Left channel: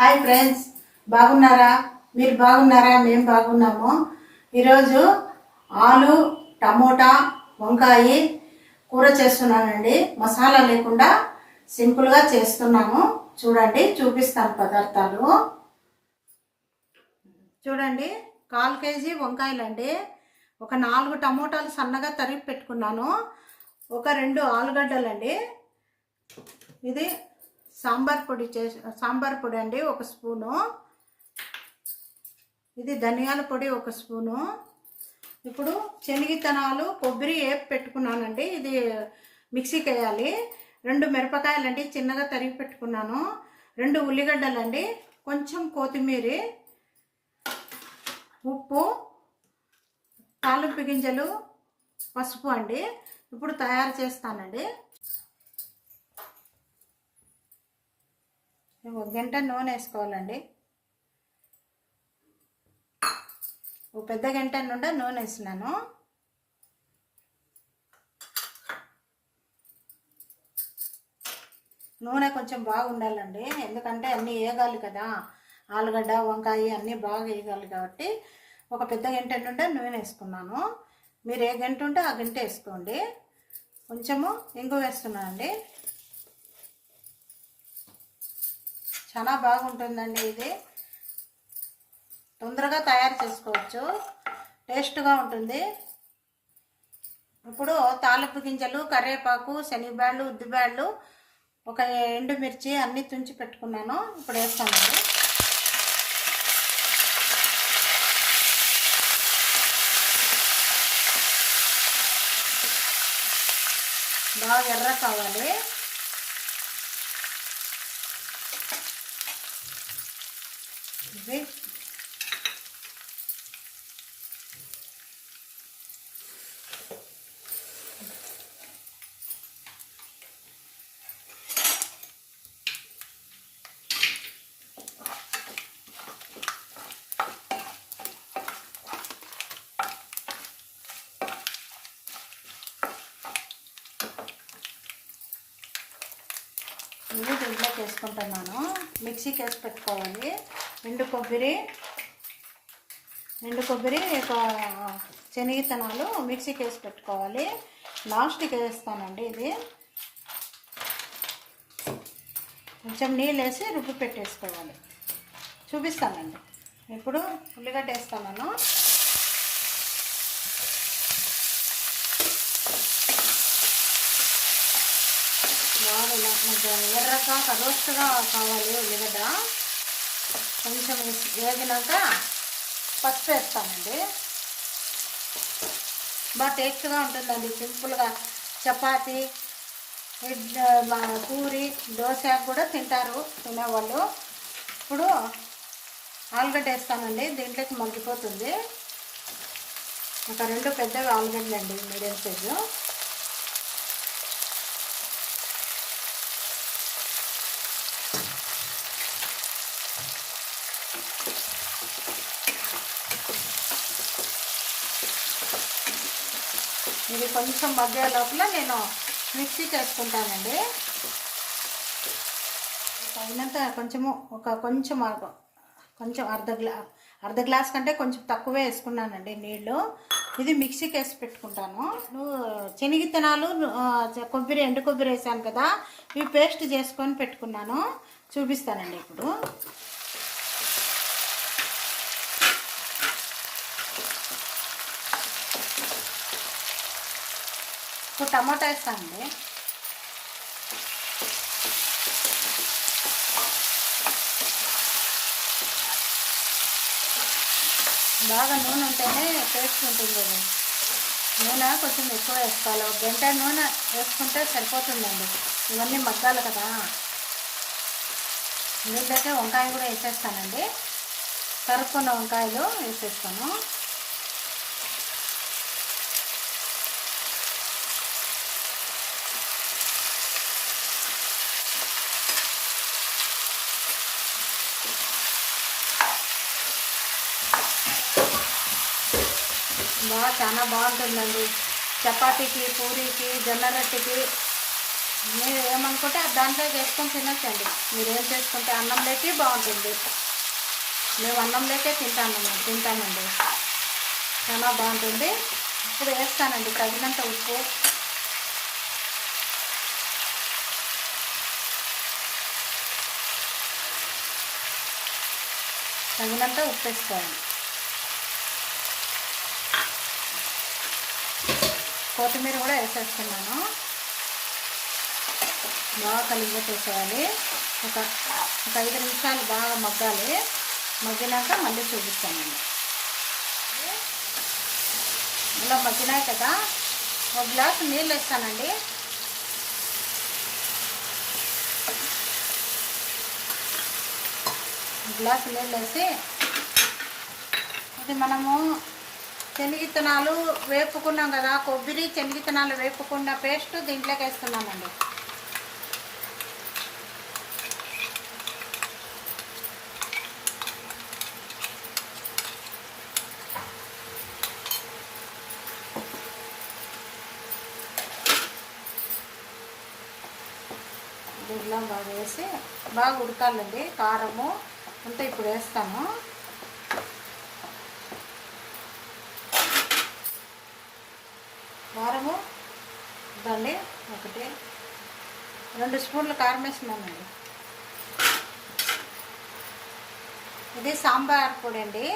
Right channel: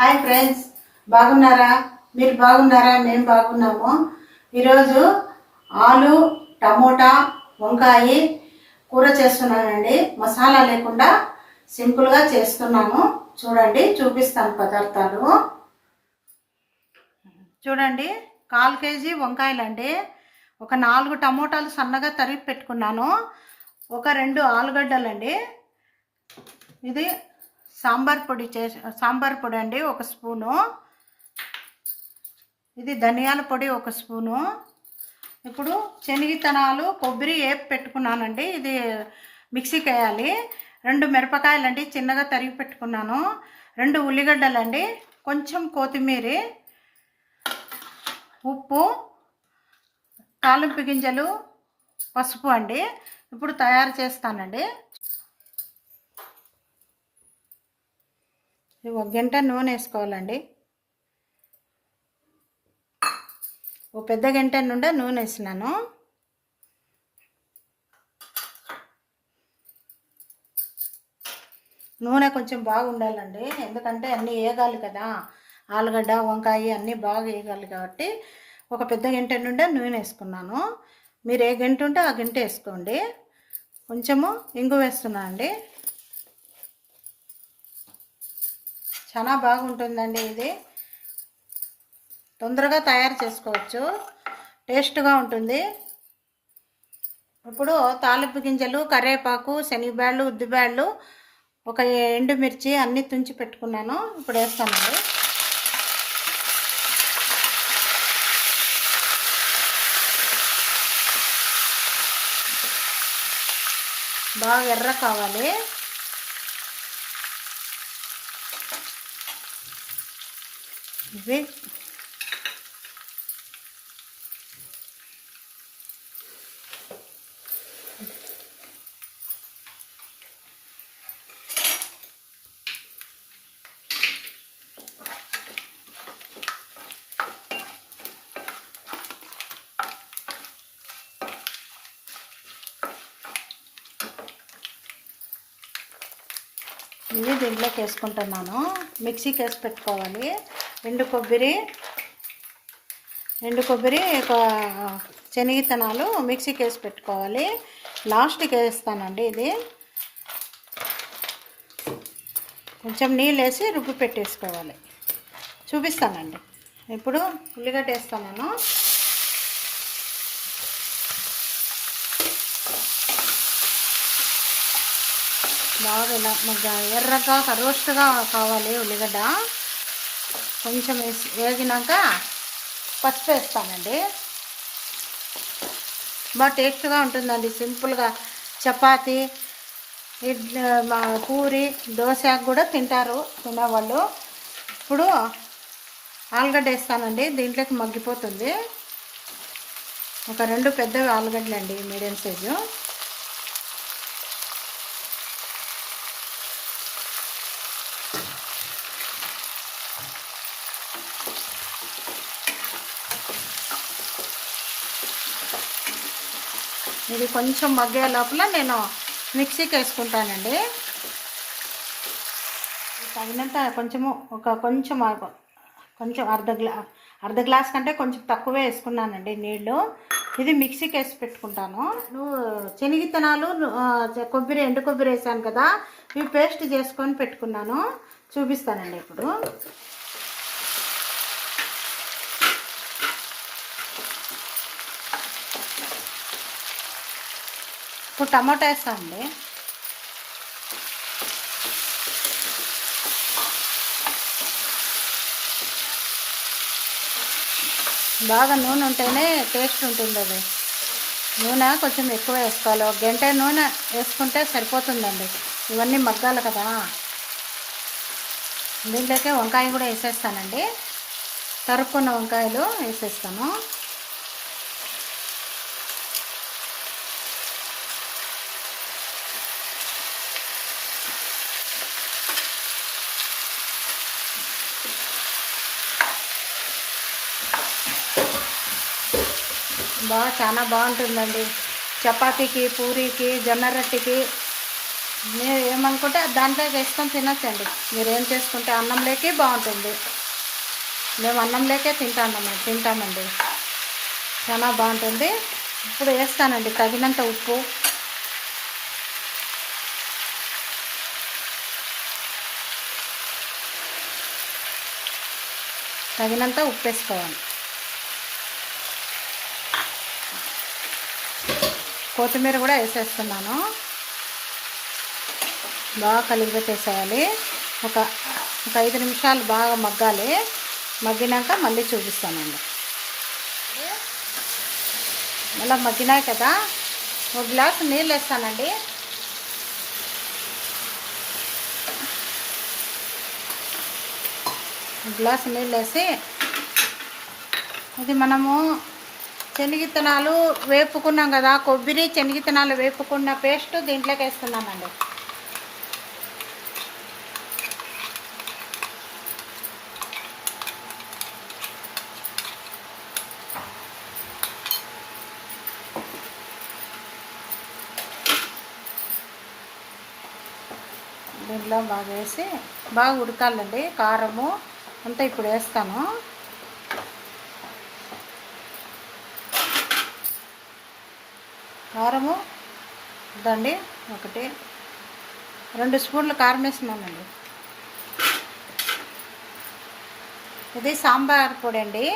Hi friends, బాగున్నారా? మీరు బాగున్నారా? మేము బాగున్నాము. ఈరోజు ఆలు టమోటా వంకాయ కూర చేస్తున్నానండి. మసాలా లేకుండా సింపుల్గా చేస్తున్నాను. చూడండి, చూపిస్తాను పదార్థాలు. చూడండి, 1/4 కేజీ వంకాయలండి. ఒక 4 టమోటాలు సన్నగా తరిగి పెట్టుకున్నాను. ఒక 2 ఆలుగడ్డలండి. ఇది సాంబార్ పొడి అండి, 1 స్పూను. ఇది ధనియాల పొడి 1 స్పూను. ఇప్పుడు శనగిత్తనాలు కొబ్బరి వేపి పెట్టుకున్నానండి. ఇది మిక్సీకి వేయాలి. 2 మిరపకాయలండి, చిన్నగా తరిగి పెట్టుకున్నాను. 2 ఉల్లిగడ్డలండి, కొంచెం కొత్తిమీర, ఉప్పు, తాలింపు గింజలు, పసుపు అండి. ఇప్పుడు తయారు చేస్తానండి. 1 గంట నూనె వేసుకోవాలండి. ఒక పెద్ద గంట నుండి నూనె వేసినాను. నూనె కొంచెం బాగా ఉండాలండి, ఎందుకంటే అన్నీ వేగాలి కదా. ఆలుగడ్డ వంకాయ అన్నీ బాగా వేగాలి కాబట్టి ఒక పెద్ద గంట నుండి నూనె వేసుకున్నాను. మీరు ఏ గంట ఉంటే ఆ గంట వేసుకోండి. కొంచెము ఇంగు వేస్తున్నాను అండి. చాలా బాగుంటుందండి. ఇది తొందరగా తయారు చేసుకోవచ్చు, టేస్ట్గా ఉంటుంది. ఇప్పుడు తాలింపు గింజలు, కరివేపాకు, శనగబ్యాళ్ళు, ఉద్దిబ్యాళ్ళు, ఒక ఎండుమిర్చి అన్నీ తుంచి పెట్టుకున్నాను. ఇప్పుడు వేస్తానండి. బాగా ఎర్ర కావాలి. ఇది దీంట్లోకి వేసుకుంటున్నాను. మిక్సీకి వేసి పెట్టుకోవాలి. ఎండు కొబ్బరి, ఒక శనగిత్తనాలు మిక్సీకి వేసి పెట్టుకోవాలి. లాస్ట్కి వేస్తానండి. ఇది కొంచెం నీళ్ళు వేసి రుబ్బు పెట్టేసుకోవాలి. చూపిస్తానండి. ఇప్పుడు ఉల్లిగడ్డ వేస్తాను. బాగా ఇలా ఎర్రగా రోస్ట్గా కావాలి ఉల్లిగడ్డ. కొంచెం వేగినాక పసుపు వేస్తానండి. బాగా టేస్ట్గా ఉంటుందండి. సింపుల్గా చపాతి, పూరి, దోశ కూడా తింటారు తినేవాళ్ళు. ఇప్పుడు ఆలుగడ్డ వేస్తానండి. దీంట్లోకి మగ్గిపోతుంది. ఒక 2 పెద్దవి ఆలుగడ్డలండి, మీడియం సైజు. ఇది కొంచెం మగ్గే లోపల నేను మిక్సీకి వేసుకుంటానండి. తగినంత కొంచెం అర్ధ గ్లాస్ కంటే కొంచెం తక్కువే వేసుకున్నానండి నీళ్ళు. ఇది మిక్సీకి వేసి పెట్టుకుంటాను. శనగిత్తనాలు, కొబ్బరి, ఎండు కొబ్బరి వేసాను కదా, ఇవి పేస్ట్ చేసుకొని పెట్టుకున్నాను. చూపిస్తానండి. ఇప్పుడు టమాటా వేస్తానండి. బాగా నూనె ఉంటేనే టేస్ట్ ఉంటుంది. అది నూనె కొంచెం ఎక్కువ వేసుకోవాలి. 1 గంట నూనె వేసుకుంటే సరిపోతుందండి. ఇవన్నీ మగ్గాలి కదా. దీంట్లోకి వంకాయ కూడా వేసేస్తానండి. తరుక్కున్న వంకాయలు వేసేస్తాను. చాలా బాగుంటుందండి. చపాతీకి, పూరీకి, జొన్న రొట్టెకి మీరు ఏమనుకుంటే దాంట్లో వేసుకొని తినచ్చండి. మీరు ఏం చేసుకుంటే అన్నంలోకి బాగుంటుంది. మేము అన్నంలోకే తింటామండి. చాలా బాగుంటుంది. ఇప్పుడు వేస్తానండి తగినంత ఉప్పు, వేసుకోవాలి. కొత్తిమీర కూడా వేసేస్తున్నాను. బాగా కలిగిపెట్టేసేయాలి. ఒక 5 నిమిషాలు బాగా మగ్గాలి. మగ్గినాక మళ్ళీ చూపిస్తానండి. అలా మగ్గినాయి కదా, ఒక గ్లాసు నీళ్ళు వేస్తానండి. గ్లాసు నీళ్ళు వేసి అది మనము శనగిత్తనాలు వేపుకున్నాం కదా, కొబ్బరి శనగిత్తనాలు వేపుకున్న పేస్ట్ దీంట్లోకి వేస్తున్నామండి. దీంట్లో బాగా వేసి బాగా ఉడకాలండి. కారము అంతా ఇప్పుడు వేస్తాను. కారము ఇదండి, 1-2 స్పూన్లు కారం వేస్తున్నానండి. ఇది సాంబార్ పొడి అండి.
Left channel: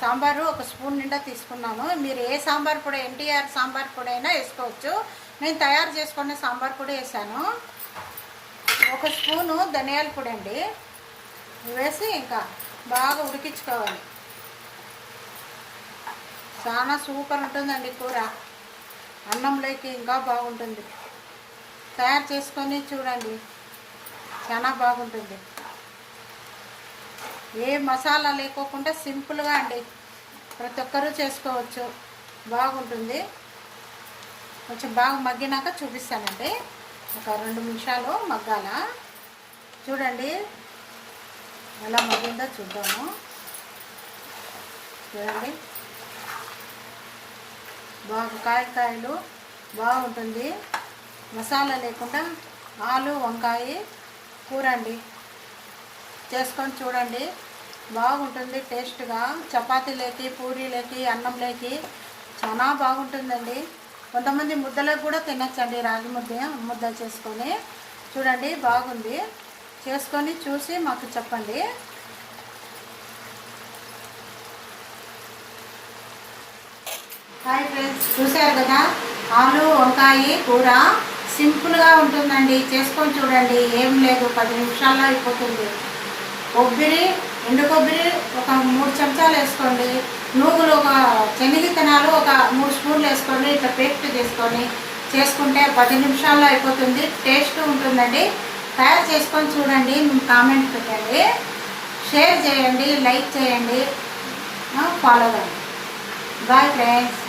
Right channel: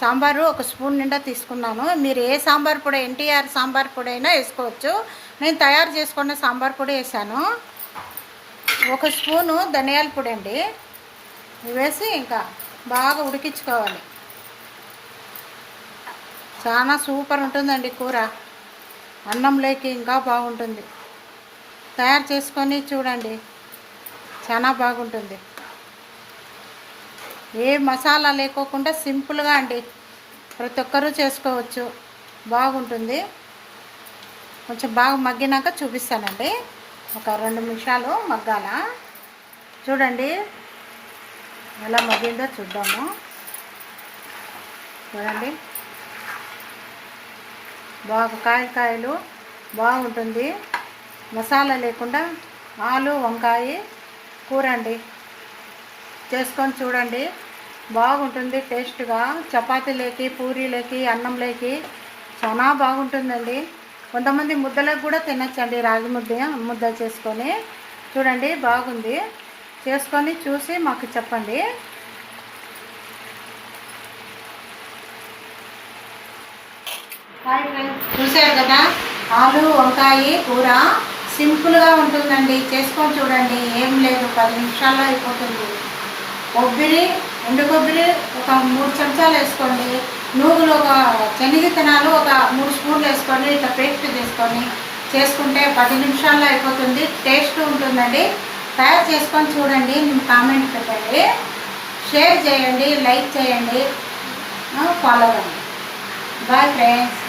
సాంబారు 1 స్పూన్ నిండా తీసుకున్నాను. మీరు ఏ సాంబార్ పొడి, ఎన్టీఆర్ సాంబార్ పొడి అయినా వేసుకోవచ్చు. నేను తయారు చేసుకున్న సాంబార్ పొడి వేసాను. 1 స్పూను ధనియాల పొడి అండి. వేసి ఇంకా బాగా ఉడికించుకోవాలి. చాలా సూపర్ ఉంటుందండి కూర. అన్నంలోకి ఇంకా బాగుంటుంది. తయారు చేసుకొని చూడండి, చాలా బాగుంటుంది. ఏ మసాలా లేకోకుండా సింపుల్గా అండి, ప్రతి ఒక్కరూ చేసుకోవచ్చు. బాగుంటుంది. కొంచెం బాగా మగ్గినాక చూపిస్తానండి. ఒక 2 నిమిషాలు మగ్గాల. చూడండి ఎలా మగ్గిందో చూద్దాము. చూడండి బాగా కాయలు బాగుంటుంది. మసాలా లేకుండా ఆలు వంకాయ కూర అండి. చేసుకొని చూడండి, బాగుంటుంది. టేస్ట్గా చపాతీలోకి, పూరీలోకి, అన్నంలోకి చాలా బాగుంటుందండి. కొంతమంది ముద్దలకు కూడా తినచ్చండి. రాగి ముద్ద చేసుకొని చూడండి, బాగుంది. చేసుకొని చూసి మాకు చెప్పండి. హాయ్ ఫ్రెండ్స్, చూశారు కదా ఆలు వంకాయ కూర. సింపుల్గా ఉంటుందండి. చేసుకొని చూడండి, ఏం లేదు, 10 నిమిషాల్లో అయిపోతుంది. ఎండు కొబ్బరి ఒక 3 చెంచాలు వేసుకోండి. నూగులు శనగిత్తనాలు ఒక 3 స్పూన్లు వేసుకొని ఇట్లా పేస్ట్ చేసుకుంటే 10 నిమిషాల్లో అయిపోతుంది. టేస్ట్ ఉంటుందండి. తయారు చేసుకొని చూడండి. కామెంట్ పెట్టండి, షేర్ చేయండి, లైక్ చేయండి, ఫాలో అవ్వండి. Bye friends.